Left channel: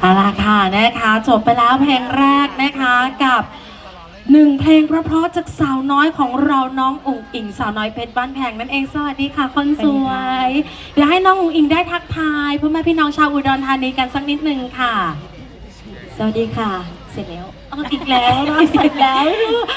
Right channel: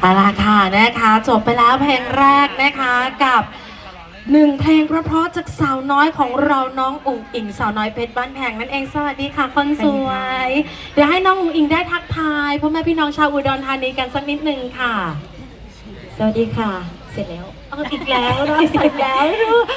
เอาละค่ะนะคะจบไปแล้วเพลงแรกนะคะกับหนึ่งเพลงเพราะๆจากสาวน้อยของเราน้องอุ๋งอิงสาวน้อยเพชรบ้านแพงนั่นเองสวัสดีค่ะคนสวย เดี๋ยวให้น้องอุ๋งอิงได้ทักทายพ่อแม่พี่น้องชาวอุดรธานีกันสักนิดนึงค่ะ สวัสดีค่ะ เสร็จแล้วเอาอีกแล้วนะอีกแล้ว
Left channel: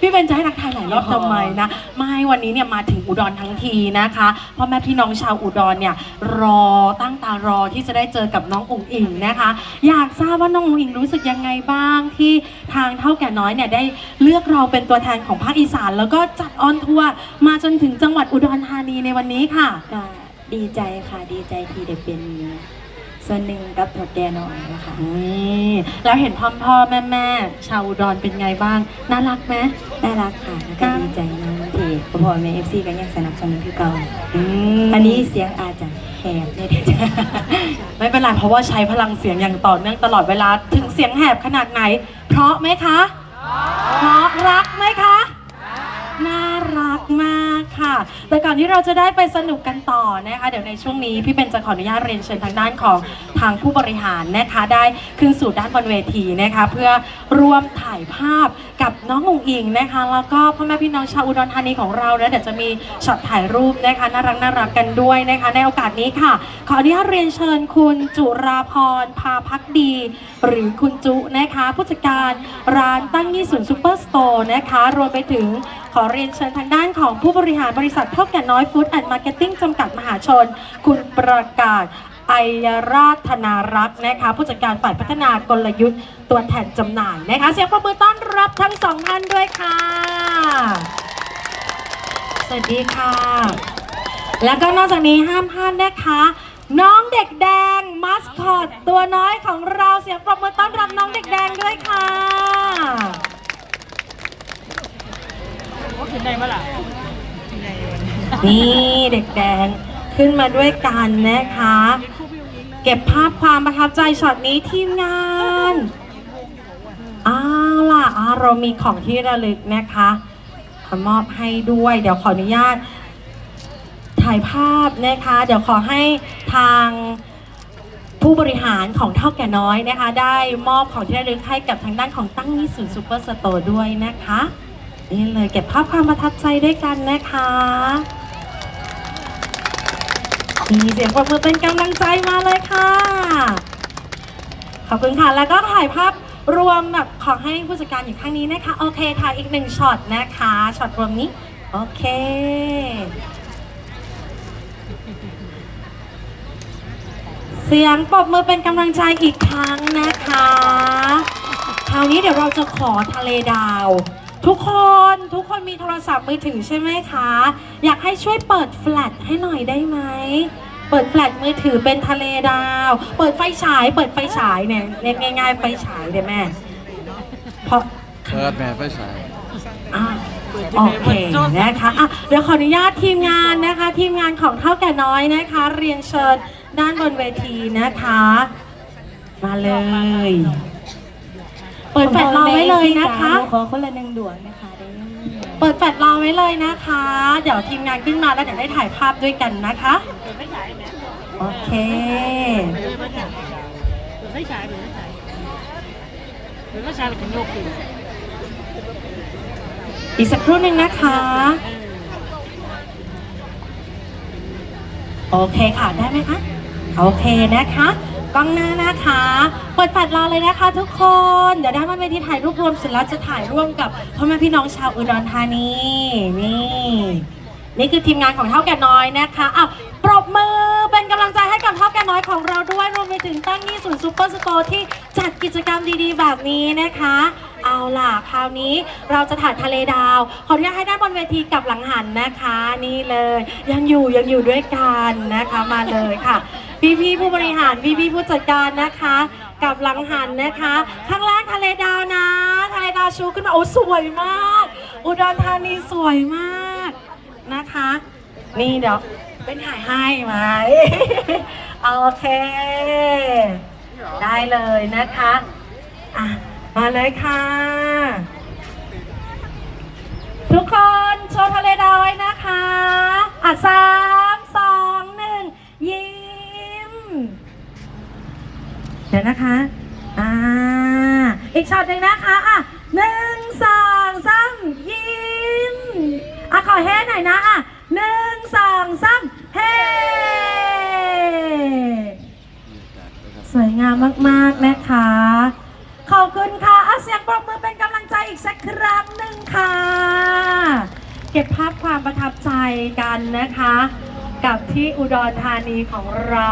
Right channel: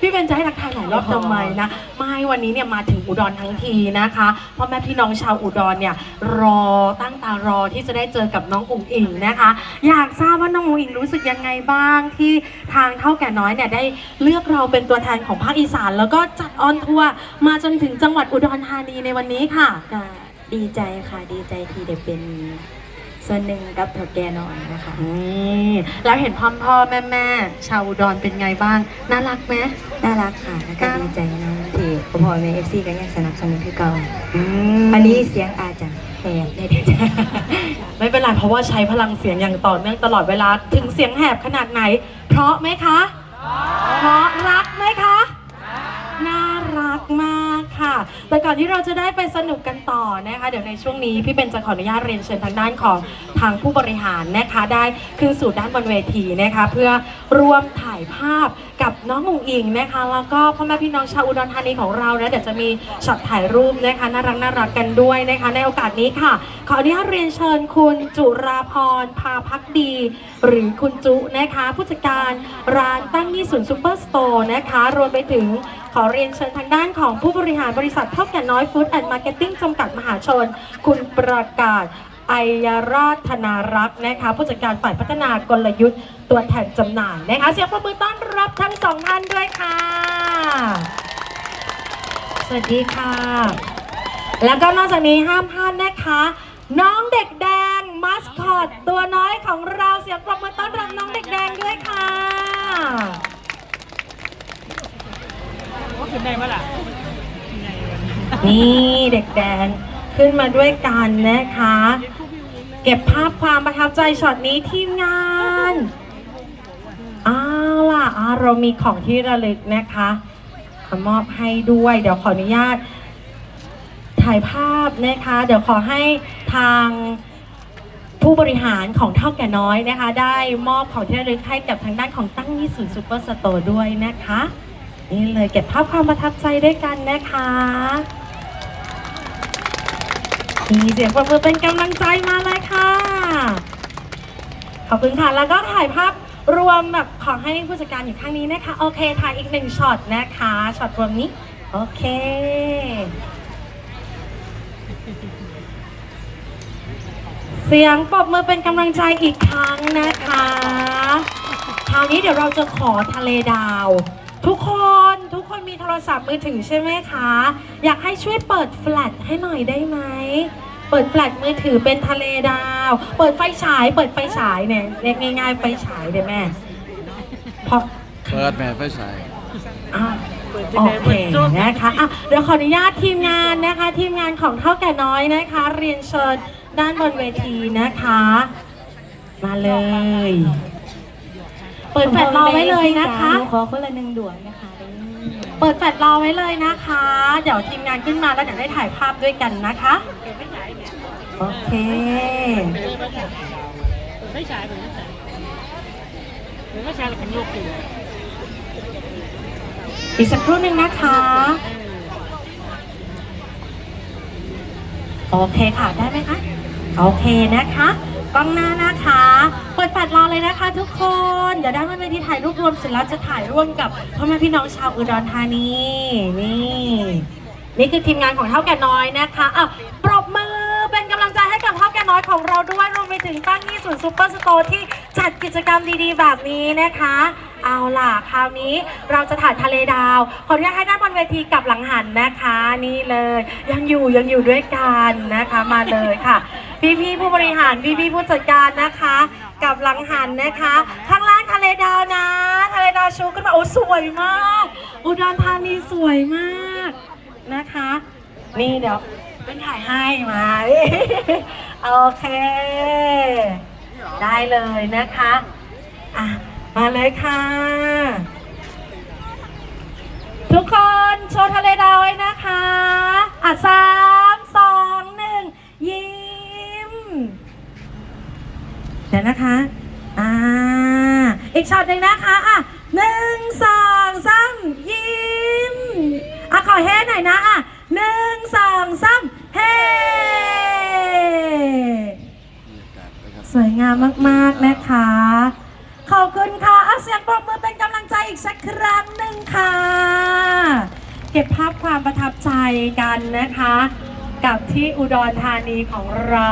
พี่เบนจะให้ทักทายหลายรอบทำไมนะไม่วันนี้เนี่ยมาถึงอุดรทั้งทีนะคะพ่อแม่พี่น้องชาวอุดรเนี่ยรอตั้งตารอที่จะได้เจอกับน้องอุ๋งอิงนะคะ อยากทราบว่าน้องอุ๋งอิงรู้สึกยังไงบ้างที่ทางเท่าแก่น้อยเนี่ยได้เลือกเราเป็นตัวแทนของภาคอีสาน แล้วก็จัดออนทัวร์มาจนถึงจังหวัดอุดรธานีในวันนี้ค่ะ ก็ดีใจค่ะดีใจที่ได้เป็น ส่วนหนึ่งกับถักแกน้อยนะคะอืมแล้วเห็นพ่อพ่อแม่แม่ชาวอุดรเป็นไงบ้าง น่ารักไหมน่ารักค่ะแล้วก็ดีใจนะที่พอแม่เอฟซีก็ยังสนับสนุนคือเก่าอืมวันนี้เสียงอาจจะแหบนิดจ้ะไม่เป็นไรเพราะว่าใช้พลังเสียงอย่างต่อเนื่องตลอดเวลาถึงเสียงแหบขนาดไหน เพราะไหมคะเพราะรักไหมคะน่ารักมาก ค่ะ แต่ก่อนที่เราจะได้ไปสนุกกันต่อนะคะ เดี๋ยวในช่วงนี้พี่เป็นจะขออนุญาตเรียนเชิญทางด้านของทางผู้บริหารนะคะ ได้ขึ้นสู่ด้านบนเวทีนะคะ เพื่อร่วมถ่ายภาพกับน้องอุ๋งอิงนะคะ แล้วก็พ่อแม่พี่น้องชาวอุดรธานีของเรานะเดี๋ยวจะมีช็อตถ่ายรูปนะคะน่ารักน่ารักกันด้วยนะคะ ในโอกาสนี้ค่ะ ขออนุญาตเรียนเชิญคุณจุราพรพาพักดี หรือคุณจุนะคะ ผู้จัดการร้านตั้งยี่ศูนซูเปอร์สโตร์นะคะรวมไปถึงขอเรียนเชิญทางด้านของผู้บริหารบริษัทเท่าแก่น้อยฟู้ดแอนด์มาร์เก็ตติ้งจำกัดมหาชน คุณประกาศไอยราชธนารักษ์นะคะผู้จัดการฝ่ายพัฒนากลยุทธ์ตัวแทนจำหน่ายนะคะเสียงปรบมือต้อนรับทั้งสองท่านด้วยค่ะ สวัสดีค่ะ แล้วก็นอกจากนี้ห้ามพลาดนะคะ น้องเด็กแดงมัสคอตตัวน้อยของเราเสียงปรบมือต้อนรับน้องเด็กแดงด้วยค่ะว่าขึ้นได้ปะล่ะ นี่เด็กแดงขึ้นมาด้วยกันนะคะ เก็บภาพความประทับใจช็อตนี้ทีมงานเอาล่ะอ่าเรามีของที่ระลึกนะคะขอมอบให้ด้วย เดี๋ยวขออนุญาต ถ่ายภาพนะคะ เดี๋ยวขอให้ทางผู้บริหารของเท่าแก่น้อยนะคะ ได้มอบของที่ระลึกให้กับทางด้านของตั้งยี่ศูนย์ซูเปอร์สโตร์ด้วยนะคะ นี่เลยเก็บภาพความประทับใจด้วยกันนะคะ มีเสียงปรบมือเป็นกำลังใจมาเลยค่ะ ขอบคุณค่ะ แล้วก็ถ่ายภาพรวมแบบขอให้ผู้จัดการอยู่ข้างนี้นะคะ โอเค ถ่ายอีกหนึ่งช็อตนะคะ ช็อตรวมนี้ โอเค เสียงปรบมือเป็นกำลังใจอีกครั้งนะคะ คราวนี้เดี๋ยวเราจะขอทะเลดาว ทุกคนทุกคนมีโทรศัพท์มือถือใช่ไหมคะ อยากให้ช่วยเปิดแฟลชให้หน่อยได้ไหม เปิดแฟลชมือถือเป็นทะเลดาว เปิดไฟฉาย เปิดไฟฉายเนี่ยเรียกง่าย ๆ ไฟฉายเลยแม่เพราะเปิดแม่ไฟฉายอะโอเคนะคะอะเดี๋ยวขออนุญาตทีมงานนะคะ ทีมงานของเท่าแก่น้อยนะคะ เรียนเชิญด้านบนเวทีนะคะ มาเลย เปิดแฟลชรอไว้เลยนะคะหขอคนละหนึ่งดวงนะคะเด้อเปิดแฟลชรอไว้เลยนะคะ เดี๋ยวทีมงานขึ้นมาแล้วเดี๋ยวได้ถ่ายภาพด้วยกันนะคะ โอเคไม่ใช่หรือไม่ใช่หรือไม่ใช่หรือเป็นโยกอยู่อีกสักครู่หนึ่งนะคะ โอเคค่ะ ได้ไหมคะ โอเคนะคะ กล้องหน้านะคะเปิดแฟลชรอเลยนะคะ ทุกคน เดี๋ยวด้านบนเวทีถ่ายรูปรวมเสร็จแล้วจะถ่ายร่วมกับพ่อแม่พี่น้องชาวอุดรธานีนี่นี่คือทีมงานของเท่าแก่น้อยนะคะอะปรบมือเป็นกำลังใจให้กับเท่าแก่น้อยของเราด้วยรวมไปถึงตั้งนี่ศูนย์ซูเปอร์สโตร์ที่จัดกิจกรรมดีๆ แบบนี้นะคะ เอาล่ะคราวนี้เราจะถ่ายทะเลดาว ขออนุญาตให้ด้านบนเวทีกับหลังหันนะคะ นี่เลย ยังอยู่ยังอยู่ด้วยกันนะคะมาเลยค่ะ พี่ๆผู้บริหารพี่ๆผู้จัดการนะคะ กับหลังหันนะคะ ข้างล่างทะเลดาวนะทะเลดาวชูขึ้นมาโอ้สวยมาก อุดรธานีสวยมากนะคะ นี่เดี๋ยวเป็นถ่ายให้ไหมโอเค ได้เลยนะคะอะมาเลยค่ะ ทุกคนโชว์ทะเลดาวนะคะอะสา เดี๋ยวนะคะ อ่า อีกช็อตหนึ่งนะคะอะหนึ่งสองสามยิ้มอะขอเฮ้หน่อยนะอะหนึ่งสองสามเฮ้สวยงามมากๆนะคะ ขอบคุณค่ะเอาเสียงปรบมือเป็นกำลังใจอีกสักครั้งหนึ่งค่ะ เก็บภาพความประทับใจกันนะคะ กับที่อุดรธานีของเรา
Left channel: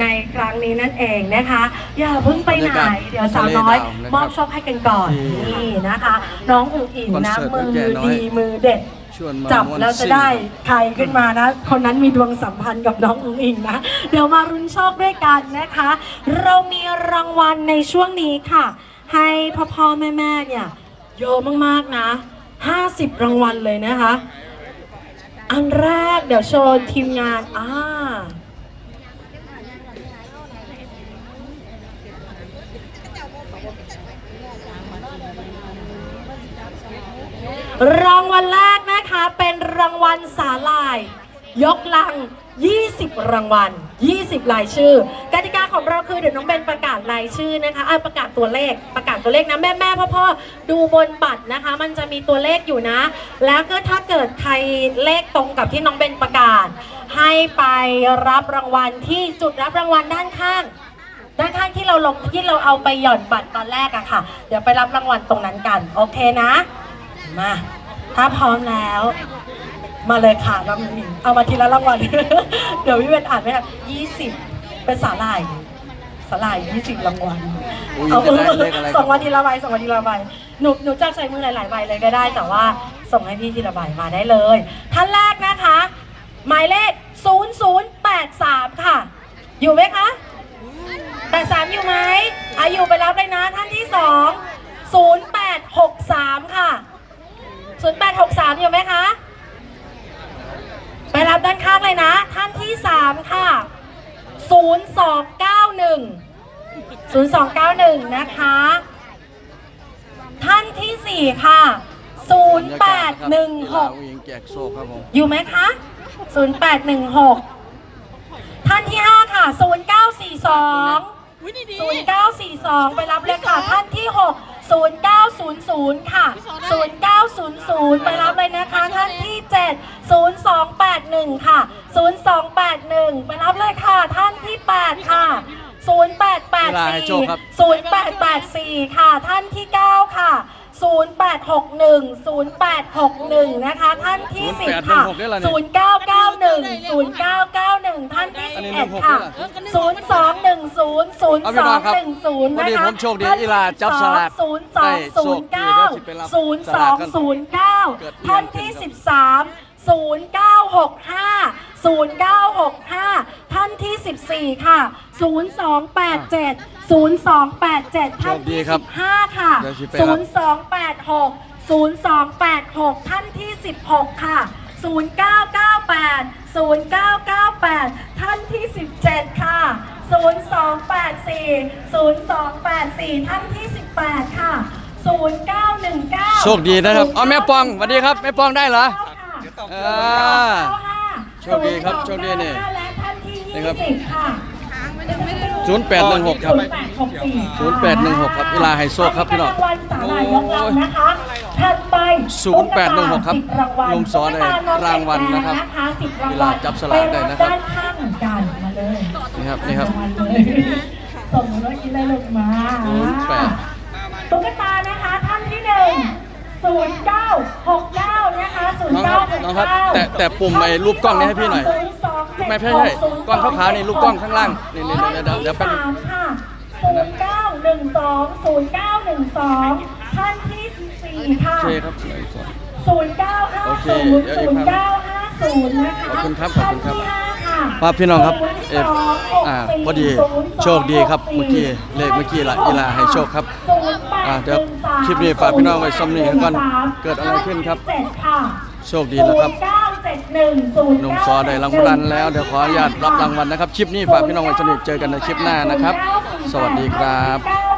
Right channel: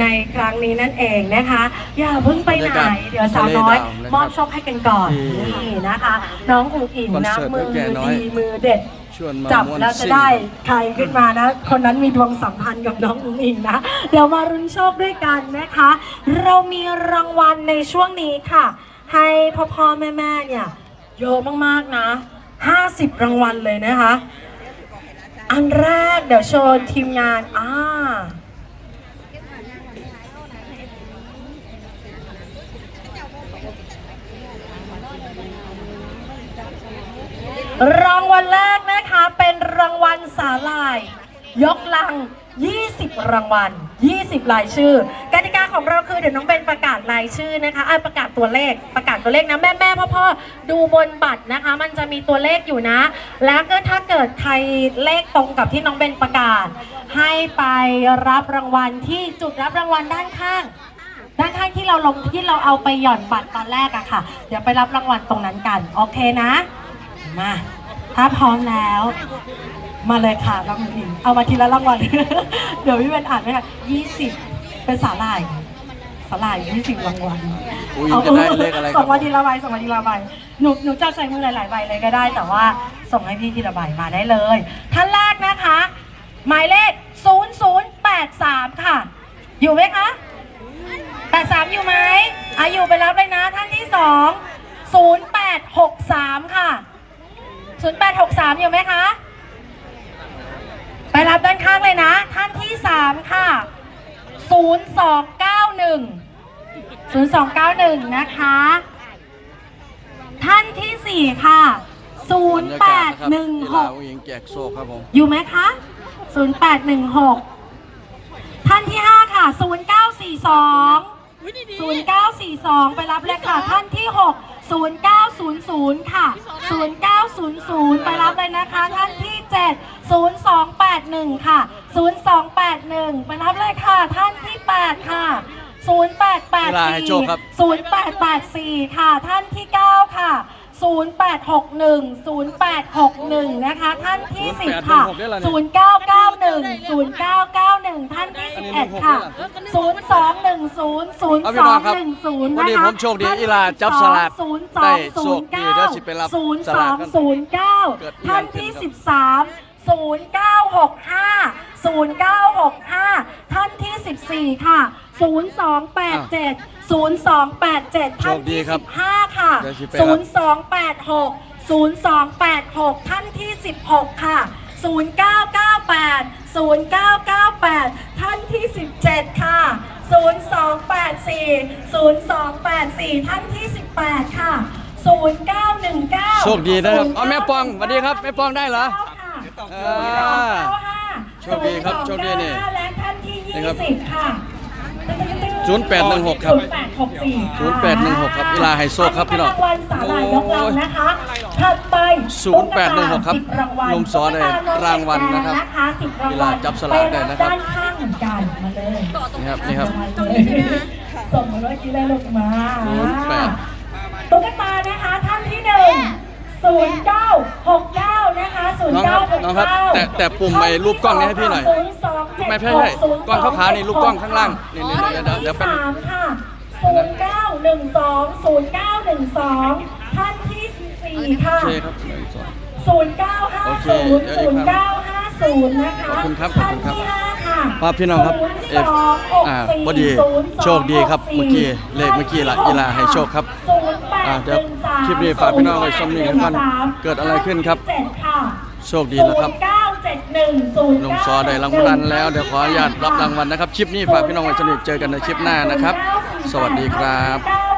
ในครั้งนี้นั่นเองนะคะ อย่าเพิ่งไปไหน เดี๋ยวสาวน้อย มอบโชคให้กันก่อนนี่นะคะ น้องอุ๋งอิงนะคอนเสิมืร์ตอแก่น้อยดีมือเด็ดชวนมาจับม่วนแล้วจะซิ่งได้ใครขึ้นมานะ คนนั้นมีดวงสัมพันธ์กับน้องอุ๋งอิงนะ เดี๋ยวมารุนโชคด้วยกันนะคะ เรามีรางวัลในช่วงนี้ค่ะ ให้พ่อพ่อแม่แม่เนี่ยเยอะมากๆนะ 50 รางวัลเลยนะคะ อันแรกเดี๋ยวโชว์ทีมงานอ่า รางวัลแรกนะคะเป็นรางวัลสาลาย ยกลัง 20 รางวัล 20รายชื่อกติกาของเราคือเดี๋ยวน้องเบนประกาศรายชื่อนะคะอะประกาศตัวเลขประกาศตัวเลขนะแม่แม่พ่อพ่อดูบนบัตรนะคะ มันจะมีตัวเลขอยู่นะ แล้วก็ถ้าเกิดใครเลขตรงกับที่น้องเบนประกาศ ให้ไปรับรางวัลที่จุดรับรางวัลด้านข้างด้านข้างที่เราลงที่เราเอาไปหย่อนบัตรตอนแรกอะค่ะ เดี๋ยวไปรับรางวัลตรงนั้นกัน โอเคนะ มาถ้าพร้อมแล้ว มาเลยค่ะรางวัลหนึ่งเอามาทีละรางวัล เดี๋ยวพี่เวนอ่านไม่ทันยี่สิบเป็นสาหร่ายสาหร่ายยี่สิบรางวัลอุ๊ยเอาจะได้เลขอะไรครับส่งมาทีละใบส่งมาทีละใบหนูหนูจะใช้มือหลายๆใบเลยก็ได้ แต่ว่าส่งให้พี่ทีละใบมาได้เลย ท่านแรกนะคะ หมายเลข 0083 ค่ะ อยู่ไหมคะ83อยู่ไหมอาอยู่ไปรับเลยนะท่านที่2 0863ค่ะ 0863 อยู่ไหมคะ ไปรับด้านข้างเลยนะ ท่านที่ 3 ค่ะ 0291 0291 นะคะ ท่านที่ 4 ค่ะบรรยากาศนะครับกีฬา0816ผู้หญิงแจกโซ่ครับผม อยู่ไหมคะ 0816 ท่านที่ 5 ค่ะ 0942 0942 ไปรับเลยค่ะ ท่านที่ 6 0900 ค่ะ 0900 ไปรับเลยนะคะท่านที่ 7 0281 ค่ะ 0281 ไปรับเลยค่ะท่านที่ 8 ค่ะเวลาให้โชคครับ0884 0884 ค่ะ ท่านที่ 9 ค่ะ 0861 0861 นะคะ ท่านที่ 10 ค่ะ0816ได้ละ 0991เนี่ย0991 ท่านที่อันนี้11ค่ะ16ได้ละ0210 เอาพี่น้องครับ0210วันนี้นะคะผมโชคดีอีหลาจับสลากได้โชคดีเดี๋ยวสิไปรับสลากกันเกิด0209อีหยังท่านที่ขึ้น13 0965 0965 ท่านที่ 14 ค่ะ 0287 0287 ท่านโชคดีที่ครับ15 ค่ะเดี๋ยวสิไปรับ0286 0286 ท่านที่ 16 ค่ะ 0998 0998 ท่านที่ 17 ค่ะ 0284 0284 ท่านที่ 18 ค่ะ 0919 โชคดีนะครับเอาแม่ปองสวัสดีครับแม่ปองได้เหรออ่า โชคดีครับโชคดีนี่และท่านที่นี่ครับ20ค่ะ0816 ครับ 0816 ครับอีลาไฮโซครับพี่น้อง โอ้ยนะคะ ถัดไป0816ครับรางวัลลงสอนในรางวัลนะครับเวลาจับสลากได้นะครับด้านข้างเหมือนกันมาเลยนี่ครับนี่ครับส่งมากินเลยลูกมา08ตุ๊กตานะคะท่านที่หนึ่ง0969นะคะ0969น้องครับน้องครับ แต่แต่ปุ่มไอ้รูปกล้องนี้ให้พี่หน่อยลูกไม่ใช่ใช่กล้องขาวๆนี่ลูกกล้องข้างล่างนี่นี่เดี๋ยวเดี๋ยวแป๊บนึงนะ0912 0912 สี่ค่ะ โอเคครับเหลืออีกสองศูนย์เก้าห้าโอเคศูนย์เดี๋ยวศูอีกนครัย์บเก้าห้าศูนย์นะคะขอบคุณครับขอบคุณครับท่านที่ห้าค่ะครับพี่น้องครับเอฟอ่าพอดีโชคดีครับเมื่อกี้เลขเมื่อกี้ละอีลาให้โชคครับอ่าเดี๋ยวคลิปนี้ฝากพี่น้องไว้ซ้ำนี้ก่อนเกิดอะไรขึ้นครับ โชคดีแล้วครับ หนุ่มซอได้รางวัลแล้วเดี๋ยวขออนุญาตรับรางวัลนะครับ คลิปนี้ฝากพี่น้องไว้สนิทเจอกันในคลิปหน้านะครับ สวัสดีครับ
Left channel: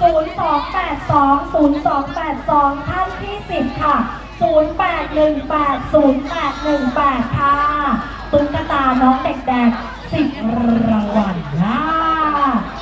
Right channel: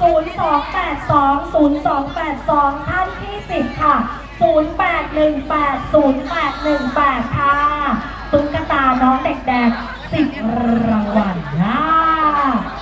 ศูนย์สองแปดสองศูนย์สองแปดสองท่านที่สิบค่ะศูนย์แปดหนึ่งแปดศูนย์แปดหนึ่งแปดค่ะ ตุ๊กตาน้องเด็กแดงสิบรางวัล